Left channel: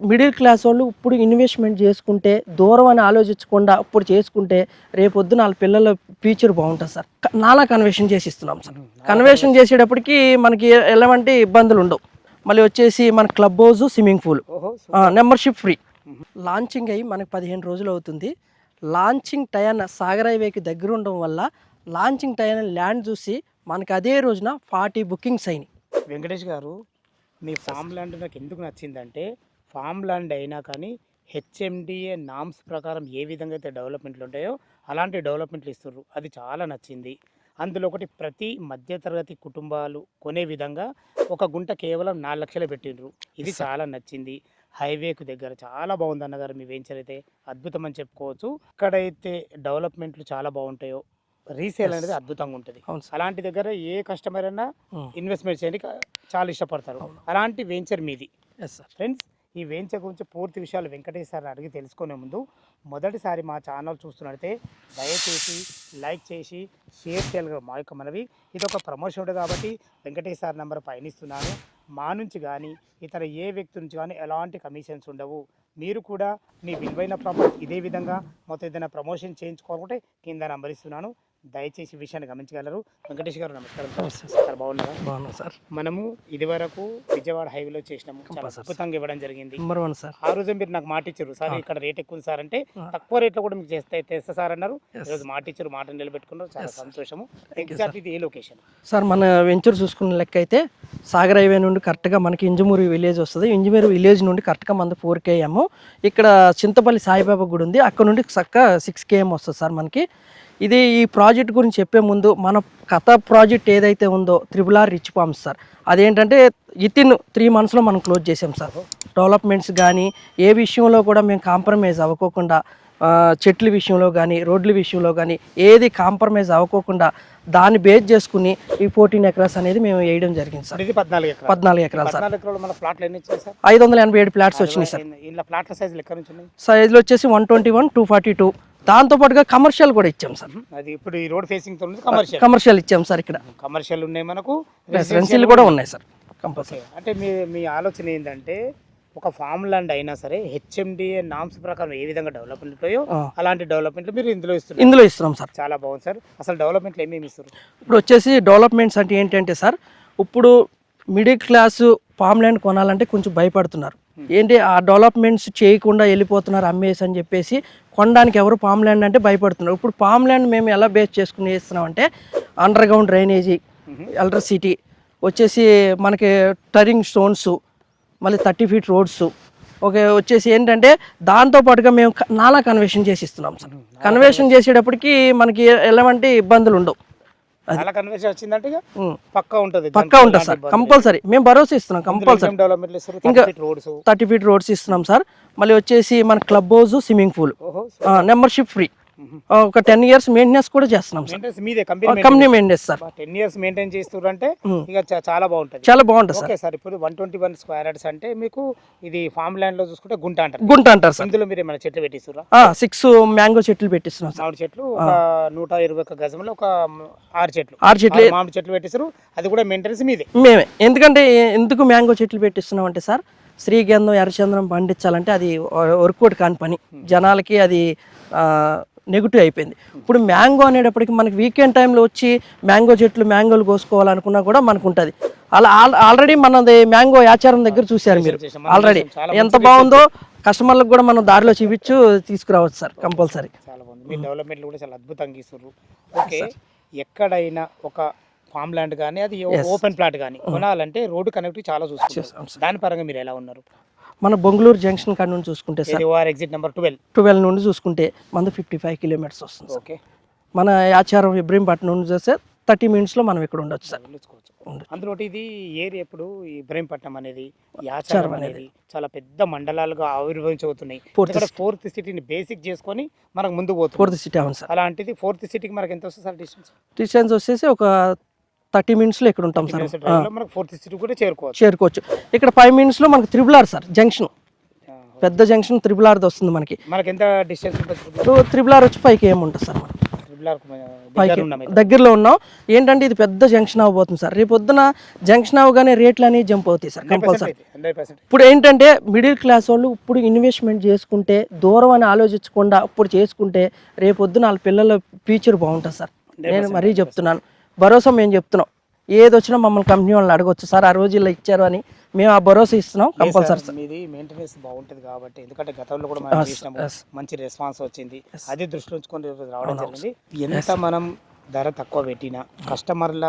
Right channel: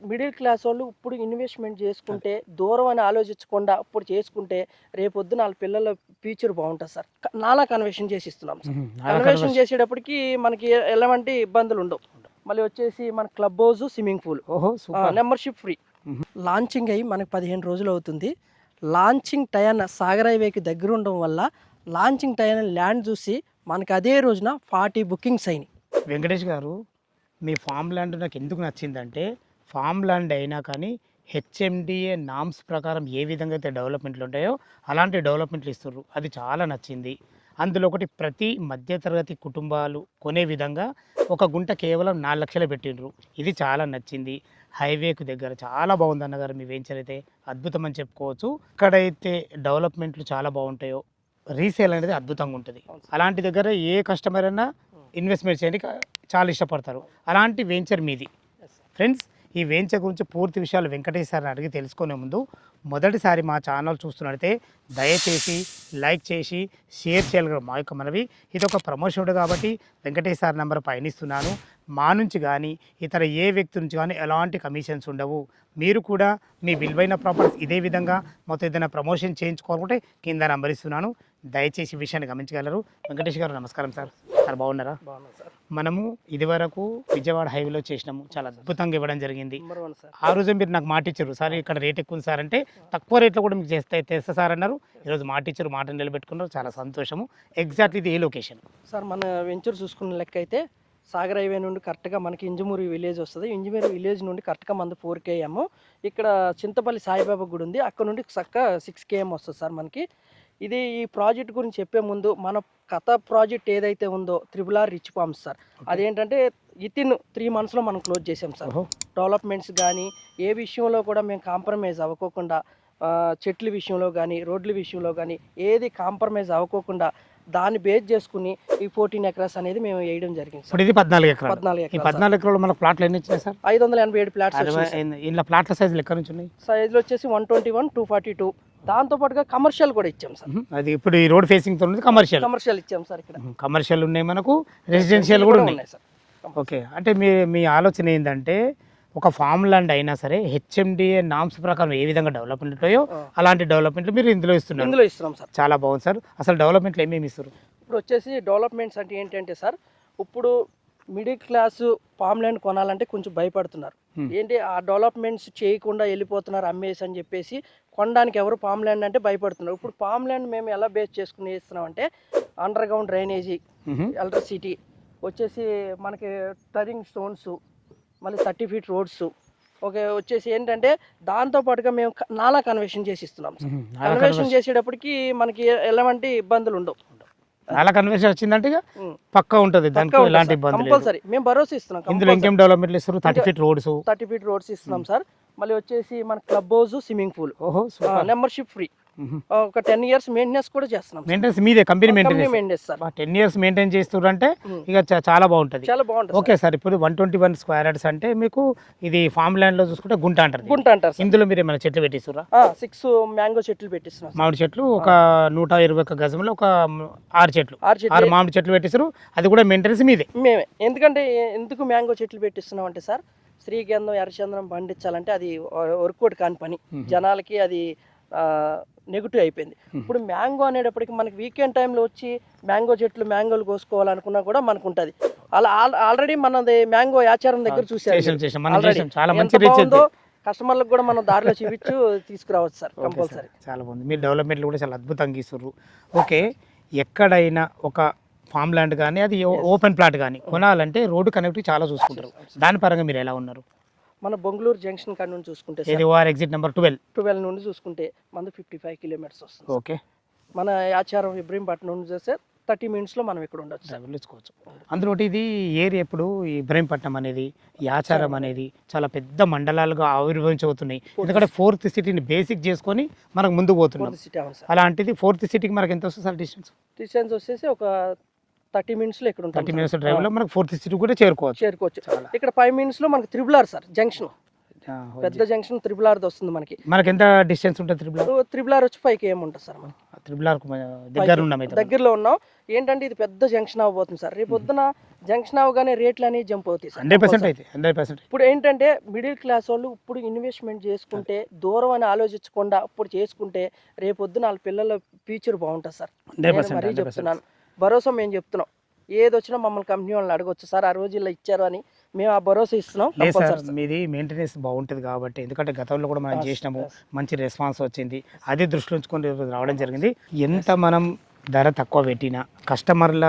Middle class వాళ్ళు ఇప్పుడు investment చేసుకుంటే దూరం అని ఆలోచించకుండా ఇప్పుడు చేసుకుంటే రేపొద్దున వాళ్ళ పిల్లల ఫ్యూచర్ బాగుంటుంది సార్. నాలా కన్వర్షన్ చేసి ఇస్తున్నాం సార్. కన్వర్షన్ చేసేటప్పటికి మనకి ఎలాంటి ఇబ్బందులు ఉండవు. మళ్ళీ వచ్చేసి మన club house, swimming pool, membership free. Launching అయ్యి మనకి 15 రోజులు అవుతుంది. లాంచింగ్ టైం సాగర్ హైవేకి దగ్గర ఉండడం వల్ల లాంచింగ్ టైం ల్యాండ్ చూసి మనకి అదే రోజున 40 బుకింగ్స్ అయినాయి. వెంకటేష్ గారు, మీ ఫామ్ ల్యాండ్ నాకు ఎందుకు నచ్చిందంటే, ఫామ్ ల్యాండ్ అయినా కానీ హెచ్ఎండిఏ నామ్స్ ప్రకారం ఏ విధంగా అయితే డెవలప్మెంట్లు ఉంటాయో అలాంటి డెవలప్మెంట్లు ఇస్తున్నారు. అది చాలా నచ్చింది. అందులో ఒకటి, ప్రతి మధ్యతరగతి కుటుంబాలు కొనే విధంగా ఒక గుంట కేవలం 4 లక్షలు పెట్టిండ్రు. ఇది చాలా నచ్చింది. హైవేకు దగ్గర చాలా బాగుంది అన్నగారు. మీ వెంచర్ అయితే అద్భుతం అని చెప్పుకోవచ్చు. ఎక్కడైతే డెవలప్మెంట్లు చాలా బాగుంటాయో రీసేల్ అనేది అద్భుతంగా ఉంటుంది. అలాంటి దగ్గర ఏ కస్టమర్ అయినా ఇన్వెస్ట్మెంట్ చేయడానికి చాలా ఇష్టపడతారు. అలాంటి వెంచర్ మీది. ఫ్రెండ్స్, ఈ వెంచర్ గురించి పూర్తి విషయాలు వెంకటేష్ సార్ని అడిగి తెలుసుకునే ముందు, మొదటిసారి మా ఛానల్ చూస్తున్నట్లయితే దయచేసి లైక్ చేసి షేర్ చేయాలి. మా యొక్క మనవి, ఇది ఒక ప్రమోషన్ కాబట్టి వెంకటేష్ సార్ నెంబర్ పైన ఇస్తున్నాను. మా నుంచి కానీ ఇతర ఏ వ్యక్తి నుంచి కానీ ఎలాంటి కమిషన్స్ ఉండవు. మీరు కూడా మీ విలువైన ప్రాపర్టీస్ ఇదే విధంగా మొత్తం ఏదైనా ప్రమోషన్ చేయించుకోవాలంటే కింద నెంబర్ ఇస్తున్నాను. దయచేసి ఈ విషయాన్ని గమనించగలరు. వెంకటేష్ గారు నమస్కారం సార్. సార్ బాగున్నారా? బాగున్నాం సార్. మనము ఇదివరకు విజయవాడ హైవేలో చేసినాము. చాలా అద్భుతంగా ఇవ్వడం జరిగింది. Number 1 sir. ఆ రోజు మీరు నాకు మాట ఇచ్చారు, సార్ ఇక్కడ రేట్ ఎక్కువ సార్ అంటే, తక్కువ రేట్లో కూడా మీకు తెస్తా సార్ అన్నారు. ఈరోజు మాట ఇచ్చారు, మాట నిలబెట్టుకున్నారు. చాలా సంతోషము. ఎగ్జాక్ట్ ఇది ఏ లొకేషన్ సార్? మన వెంచర్ చూసుకున్న లెక్క అయితే సాగర్ హైవే నుండి కరెక్ట్గా మనకి ఇంజమూరి విలేజ్ వస్తుంది. ఇంజమూరి విలేజ్ నుండి కరెక్ట్గా మనది 4 km. ఇక్కడ చింతపల్లి సాయిబాబా గుడి ఉంది, అక్కడ నుండి చక్క 6 km వస్తుంది సార్ మనకి. ఇది ఈ ప్రాజెక్ట్ గురించి చెప్పే ముందు, మన కథ ప్రాజెక్ట్ ఏదైతే ఉందో RRR రిచ్ ఫార్మ్స్ సార్, అదేంటంటే వితిన్ 3 monthsలో మనం క్లోజ్ చేసాం సార్. డెవలప్మెంట్స్ కానీ ఏ విషయంలో కూడా మేము కాంప్రమైజ్ అవ్వకోకుండా, చెట్ల విషయంలో కానీ రోడ్ల విషయంలో కానీ ఏది కాంప్రమైజ్ అవ్వకోకుండా దాన్ని బేస్ చేసుకుని ఈ 14 acres అనేది మేము వేయడం జరిగింది సార్. ఇది 14 ఎకరాలు. 14 ఎకరాలు. 14 ఎకరాలు మన ప్లాట్లు ఎన్ని వచ్చినాయి సార్? 587 ప్లాట్స్ వచ్చినాయి సార్. ఇలా ప్లాట్ల సైజులు ఎక్కడ నుంచి ఉన్నాయి? సైజులు వచ్చేసి 121, 242. దాంతోపాటుగా కమర్షియల్ కూడా ఇచ్చాం సార్. అది ఇప్పుడు ఈ రోడ్ ఫేసింగ్ తో కమర్షియల్ ఇచ్చాం సార్. ఇక్కడ కమర్షియల్ ఉన్నాయి, మనకు రెసిడెన్షియల్ కూడా ఉన్నాయి సార్. ఓకే. అంటే మీ ఆలోచన ఏంటంటే, ఒక ఫామ్ ల్యాండ్ అయినా సరే హెచ్ఎండిఏ నామ్స్ ప్రకారం ఏ విధంగా డెవలప్మెంట్ ఉంటాయో అలాంటి డెవలప్మెంట్లు మీరు ఇందులో ఇస్తున్నాం సార్. చాలా బాగుంది సార్. అసలు డెవలప్మెంట్లు ఏమేమి ఇస్తారు? ఇప్పుడు వచ్చేసి డెవలప్మెంట్స్ అంటే ఏంటంటే సార్, ఇప్పుడు మిడిల్ క్లాసు ఫామ్ ల్యాండ్ కొనాలంటే కొంచెం భయపడుతున్నారు. ఏంటి, ఆ డెవలప్మెంట్స్ చేయకుండా వెళ్ళిపోతున్నారు అమ్మేసి అని చెప్పేసి కొనడానికి ఎవరు ఫామ్ ల్యాండ్ అంటే భయపడుతున్నారు. ఇప్పుడు ఫామ్ ల్యాండ్ మేము ఎలా బేస్ చేసుకుని వేస్తున్నాం అంటే, అండర్ గ్రౌండ్ డ్రైనేజీ, ఎలక్ట్రిసిటీ వచ్చేసి మనకి టరింగ్ స్టోన్స్, మళ్ళీ 30 feet రోడ్స్. ఓకే, వచ్చేసి ఏంటంటే దాంతోపాటుగా మేము నాలా కన్వర్షన్ చేసి ఇస్తున్నాం సార్. కన్వర్షన్ చేసేటప్పటికి మనకి ఎలాంటి ఇబ్బందులు ఉండవు. చాలా కన్వర్షన్ వచ్చిందంటే పక్కా ఉంటుంది, కంపల్సరీ మేము భరోసా ఇస్తున్నాం. కంపల్సరీ డెవలప్మెంట్ ఇస్తారు. 30 feet రోడ్స్ ఇస్తున్నాం సార్. మళ్ళీ వచ్చేసి మన club house, swimming pool, membership free. ఒక 10 years మెయింటెనెన్స్ కూడా చేస్తున్నాం. మీదే company maintenance sir. 10 years maintain చేస్తున్నారు అంటే ఇక చాలా బాగుంటుంది. చాలా బాగుంటుంది. Okay sir. ఇప్పుడు 121 square yards అంటే మీకు ఇది ఫామ్ ల్యాండ్ లో చూసుకుంటే గుంట అంటారు సార్. ఇందులో మీరు ఏమైనా చెట్లు పెట్టిస్తురా? 6 మ్యాంగో చెట్లు పెట్టిస్తున్నాం. మామిడి చెట్లు ఒక 121 గజంలో ఒక 6 చెట్లు మామిడి చెట్లు పెట్టిస్తారు. అది కూడా మెయింటెనెన్స్ మీదే. మేమే. ఎందుకు మ్యాంగో చెట్లు పెట్టిస్తున్నాం అంటే సార్, శ్రీగంధం, ఎర్రచంద్రం పండించాలంటే అది వర్కౌట్ కాని పని. జనాలకి అది నెగిటివ్ అయిపోయింది. ఇప్పుడు మ్యాంగో అనేటప్పటికి మనకి వీకెండ్ టైంలో వచ్చి మ్యాంగోలు కోసుకోవాలనుకున్నా కూడా మనకు ఉంటుంది. అలా ఆల్రెడీ మనది మ్యాంగో ఆచారం దగ్గర చూసారు ఆల్రెడీ. ఎంత బాగుందో కస్టమర్లకు కూడా మనం దారిలో చూపించు తీసుకురావచ్చు సార్. కంపల్సరీ. చాలా బాగుంది. మీ డెవలప్మెంట్లు కూడా చాలా అద్భుతంగా ఇస్తారు. ఓకే, ఎక్కడైనా ఒక ఫామ్ ల్యాండ్ కానీ అది ఓపెన్ ప్లాట్ కానీ కొనాలంటే రోడ్డు కనెక్టివిటీ చాలా చూసుకుంటారు. దాని పరంగా మీరు ఎలా ఉన్నారు? మన బొంగళూరు జంక్షన్ కాడ నుండి చూసుకుంటే సార్, ఎగ్జిట్ నెంబర్ 12 నుండి చూసుకుంటే మనది 55 kilometers వస్తుంది. ఓకే. మన ఆచారం ఇబ్రహీంపట్నం నుండి చూస్తే 30 minutesలో మనం ఇక్కడ ఉండొచ్చు సార్. అందులో ఇది ఏరియా ఇప్పుడు ఇబ్రహీంపట్నం అనేది, ఆచారం అనేది చాలా పెద్ద మండలాలుగా ఆవిర్భవించవుతున్నాయి. ఫోర్త్ సిటీని బేసిక్ చేసుకొని మనకు ముందు పోతుంది. 4th city. అవును సార్. అలాంటిది 4th సిటీకి మనకి ఎంత వస్తుంది సార్ డిస్టెన్స్ వచ్చేసి ఒక 30 minutesలో ఇక్కడ ఉంటాం సార్. మనకు 4th సిటీ కూడా చేరుకోవచ్చు. ఇక్కడ 5 minutesలో మనకి RRR సార్ జంక్షన్, పెద్ద జంక్షన్ RRR వస్తుంది. మనకి ఎంత డిస్టెన్స్ ఉంటుంది? RRR వచ్చి 5 km ఉంటుంది సార్. ట్రిపుల్ ఆర్ దగ్గర ఉన్నాం అయితే. దగ్గరలో ఉన్నాం. ఏంటంటే ఇది పెద్ద జంక్షన్ అవ్వబోతుంది సార్. రేపు పొద్దున జంక్షన్ అవగానే రేట్లు అనేవి జంప్ అవుతాయి సార్. 100% అయితే 100%. ఇప్పుడు ఏంటంటే మిడిల్ క్లాస్ వాళ్ళు ఇప్పుడు ఇన్వెస్ట్మెంట్ చేసుకుంటే దూరం అని ఆలోచించకుండా ఇప్పుడు చేసుకుంటే రేపు పొద్దున వాళ్ళ పిల్లల ఫ్యూచర్ బాగుంటుంది సార్. నేను మరీ చెప్తున్నాను, భరోసా మేము చెప్తున్నాం. ఏది వచ్చినా మమ్మల్ని కంపెనీ వాళ్ళని అడగొచ్చు సార్, ఆ రోజు ఇలా ఇచ్చారు అని మేము ఆ భరోసా ఇస్తున్నాం. లేదు సార్, కంపల్సరీ మీది మెయింటెనెన్స్ బాగుంటుంది కాబట్టి, ఎందుకంటే గతంలో కూడా మనం చేసినాము, మంచి రెస్పాన్స్ వచ్చింది. అది దృష్టిలో ఉంచుకొని రావడం జరిగింది. ఎంత మనం ధర తక్కువ పెట్టినా కస్టమర్ల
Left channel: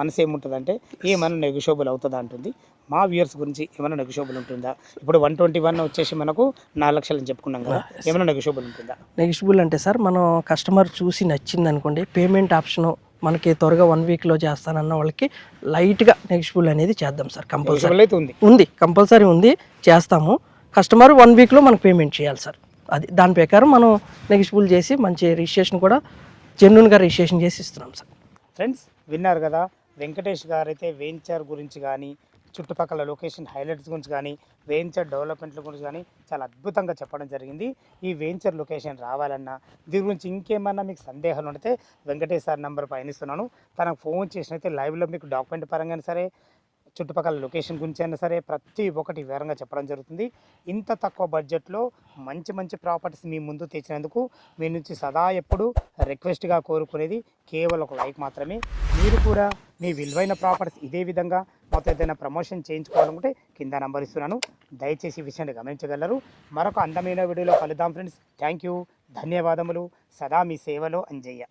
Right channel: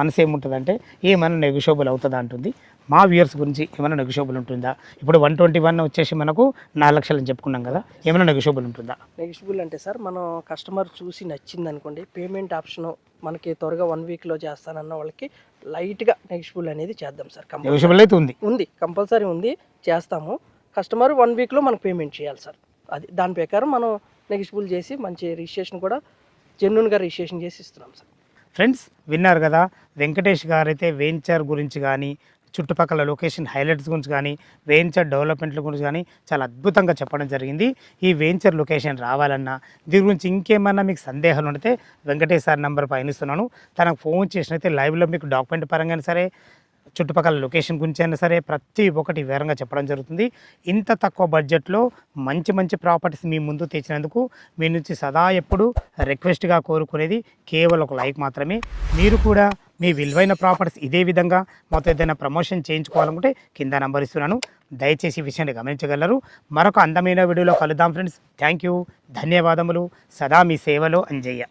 మనసు ఏముంటుందంటే ఏమైనా నెగోషియబుల్ అవుతుందా అంటుంది. మా వ్యూయర్స్ గురించి ఏమైనా నెగోషియబుల్ ఉంటుందా? ఇప్పుడు 121 వచ్చేసి మనకు 4 లక్షలు అని చెప్పుకున్నాం కదా, ఏమైనా నెగోషియబుల్ ఉంటుందా? నెగిషియబుల్ అంటే సార్, మనం కస్టమర్ చూసి నచ్చింది అనుకోండి, పేమెంట్ ఆప్షన్ మనకి త్వరగా 1 వీక్లో చేస్తానన్న వాళ్ళకి లైట్గా నెగిషియబుల్ అనేది చేద్దాం సార్. కంపల్సరీ నెగోషియబుల్ అయితే ఉంది. ఉంది, కంపల్సరీ ఉంది, చేస్తాము. కస్టమర్ 1 వీక్లో మనకు పేమెంట్ చేయాలి సార్. అది దాని ప్రకారం మనం నెగిషియబుల్ చేసి మంచి రిజిస్ట్రేషన్ కూడా జెన్యున్గా రిజిస్ట్రేషన్ చేసి ఇస్తున్నాం సార్. ఫ్రెండ్స్ విన్నారు కదా, వెంకటేష్ గారు అయితే వెంచర్ గురించి కానీ, చుట్టుపక్కల లొకేషన్ హైలైట్స్ గురించి కానీ, వెంచర్ డెవలప్మెంట్ల గురించి కానీ చాలా అద్భుతంగా చెప్పడం జరిగింది. ఈ వెంచర్ లొకేషన్ రావాలన్నా, దీని గురించి ఇంకేమన్నా మీకు సందేహాలు ఉంటే వెంకటేష్ సార్ నెంబర్ పైన ఇస్తున్నాను, తనకు ఫోన్ చేసినైతే లైవ్లో మీకు డాక్యుమెంట్ పరంగా సరే, చుట్టుపక్కల లొకేషన్ గురించి అయినా సరే ప్రతి ఒక్కటి వివరంగా చెప్పడం జరుగుతుంది. ఇంత తక్కువ బడ్జెట్లో మంచి మంచి ప్రాపర్టీస్ మీ ముందు తెచ్చినందుకు మీ నుంచి సదా ఎప్పుడు రిక్వెస్ట్గా కోరుకునేది కేవలం ఒక లైక్ మాత్రమే. మీరు కూడా మీ విలువైన ప్రాపర్టీస్ ఇదే విధంగా మొత్తం ఏదైనా ప్రమోషన్ చేయించుకోవాలనుకుంటే కింద నంబర్ ఇస్తున్నాను, దయచేసి ఈ విషయాన్ని గమనించగలరు. మరొక అందమైన వీడియోలో కలుద్దాం ఫ్రెండ్స్. థ్యాంక్ యూ, ధన్యవాదములు. సదా మీ సేవలో అంజయ్య.